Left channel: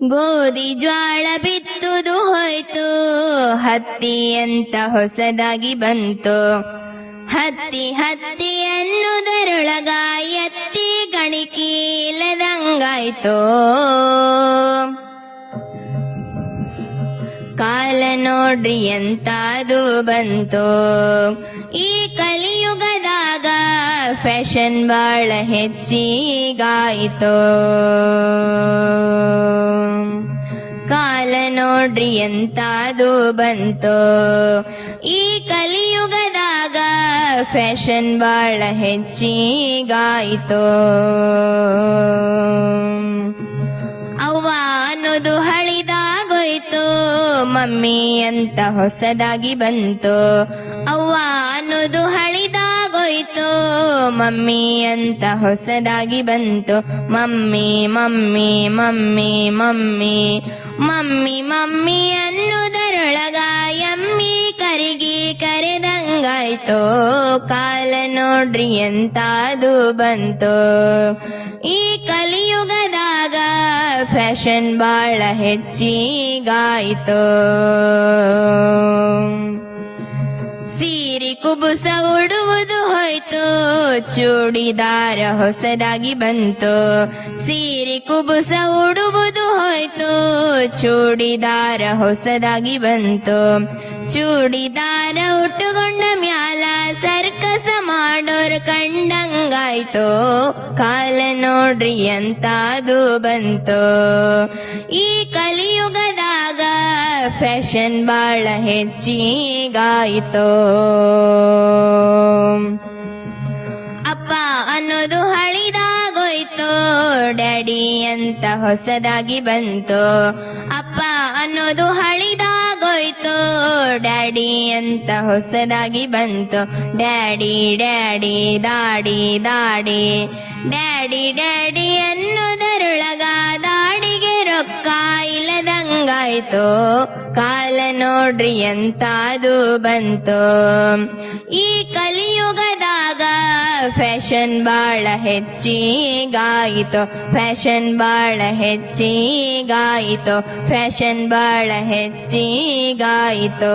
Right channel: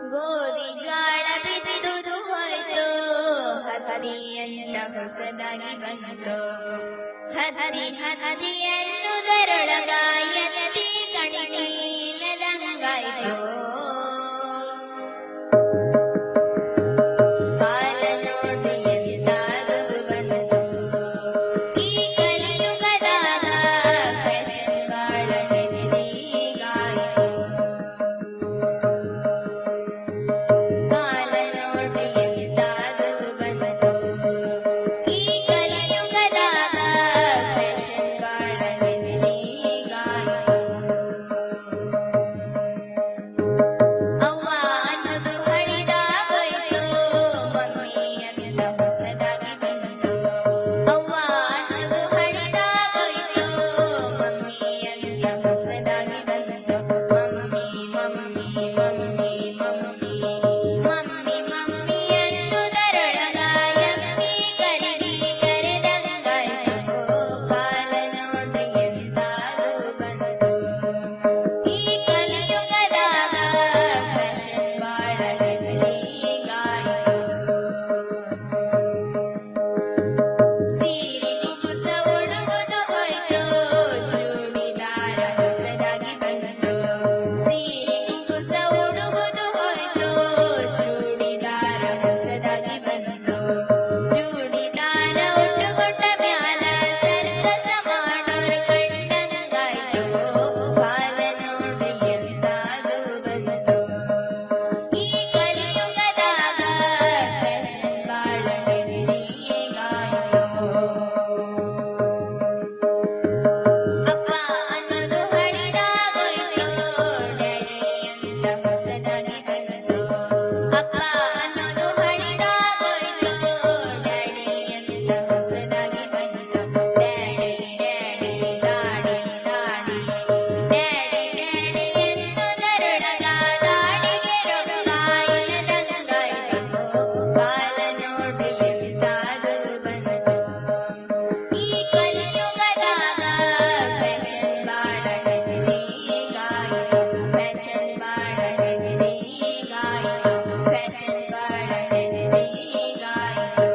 ಗೋಧಿ ಜ್ವಾಳ ಬಿತ್ತುದು ಹೋಯ್ತು, ಹತ್ತಿ ಅಂತ ಹೊಸದಾಗಿ ಬಂತು. ಹತ್ತಿ ಹತ್ತಿ ಅನ್ನುದರೊಳಗ ಎತ್ತಿ ಗಣಿಕೀಲದಂಗಾಯ್ತು. ಕಾಲ ನೋಡ್ರಿ ಎಂತಾದು ಬಂತು. ಈ ಕಲಿಯುಗದಾಗ ಫ್ಯಾಷನ್ ಬಾಳ ಹೆಚ್ಚಿಗಾಯ್ತು. ಕಾಲ ನೋಡ್ರಿ ಎಂತಾದು ಬಂತು. ಈ ಕಲಿಯುಗದಾಗ ಫ್ಯಾಷನ್ ಬಾಳ ಹೆಚ್ಚಿಗಾಯ್ತು. ಅವ್ವ ಅನ್ನೋದು ಹಳಿದಾಗೋಯ್ತು, ಮಮ್ಮಿ ಅಂತ ಹೊಸದಾಗಿ ಬಂತು. ಅವ್ವ ಅನ್ನೋದು ಹಳಿದಾಗೋಯ್ತು, ಮಮ್ಮಿ ಅಂತ ಹೊಸದಾಗಿ ಬಂತು. Mummy mummy mummy mummy mummy mummy ಅನ್ನುದರೊಳಗ ಎಮ್ಮಿ ಕರಿಗಿ ಕರೆದಂಗಾಯ್ತು. ಕಾಲ ನೋಡ್ರಿ ಎಂತಾದು ಬಂತು. ಈ ಕಲಿಯುಗದಾಗ ಫ್ಯಾಷನ್ ಬಾಳ ಹೆಚ್ಚಿಗಾಯ್ತು. ಸೀರೆ ಕುಬುಸ ಉಡುವುದು ಹೋಯ್ತು, ಚೂಡಿದಾರ ಹೊಸದಾಗಿ ಬಂತು. ಸೀರೆ ಕುಬುಸ ಉಡುವುದು ಹೋಯ್ತು, ಚೂಡಿದಾರ ಹೊಸದಾಗಿ ಬಂತು. ಚೂಡಿದಾರ ಉಟ್ಟುಕೊಂಡ ಮ್ಯಾಲ ಸರ್ಕಸ ಮಾಡೋರ್ ಕಂಡಂಗಾಯ್ತು. ಕಾಲ ನೋಡ್ರಿ ಎಂತಾದು ಬಂತು. ಈ ಕಲಿಯುಗದಾಗ ಫ್ಯಾಷನ್ ಬಾಳ ಹೆಚ್ಚಿಗಾಯ್ತು. ಅಪ್ಪ ಅನ್ನೋದು ಹಳಿದಾಗೋಯ್ತು, ಡ್ಯಾಡಿ ಅಂತ ಹೊಸದಾಗಿ ಬಂತು. ಅಪ್ಪ ಅನ್ನೋದು ಹಳಿದಾಗೋಯ್ತು, ಡ್ಯಾಡಿ ಅಂತ ಹೊಸದಾಗಿ ಬಂತು. ಡ್ಯಾಡಿ ಡ್ಯಾಡಿ ದಾಡಿ ದಾಡಿ ಡ್ಯಾಡಿ ಡ್ಯಾಡಿ ಅನ್ನೋದರೊಳಗ ದಾಡಿಗೆ ರೊಕ್ಕ ಇಲ್ಲದಂಗಾಯ್ತು. ಕಾಲ ನೋಡ್ರಿ ಎಂತಾದು ಬಂತು. ಈ ಕಲಿಯುಗದಾಗ ಫ್ಯಾಷನ್ ಬಾಳ ಹೆಚ್ಚಿಗಾಯಿತು. ಫ್ಯಾಷನ್ ಬಾಳ ಹೆಚ್ಚಿಗಾಯಿತು. ಫ್ಯಾಷನ್ ಬಾಳ ಹೆಚ್ಚಿಗಾಯಿತು.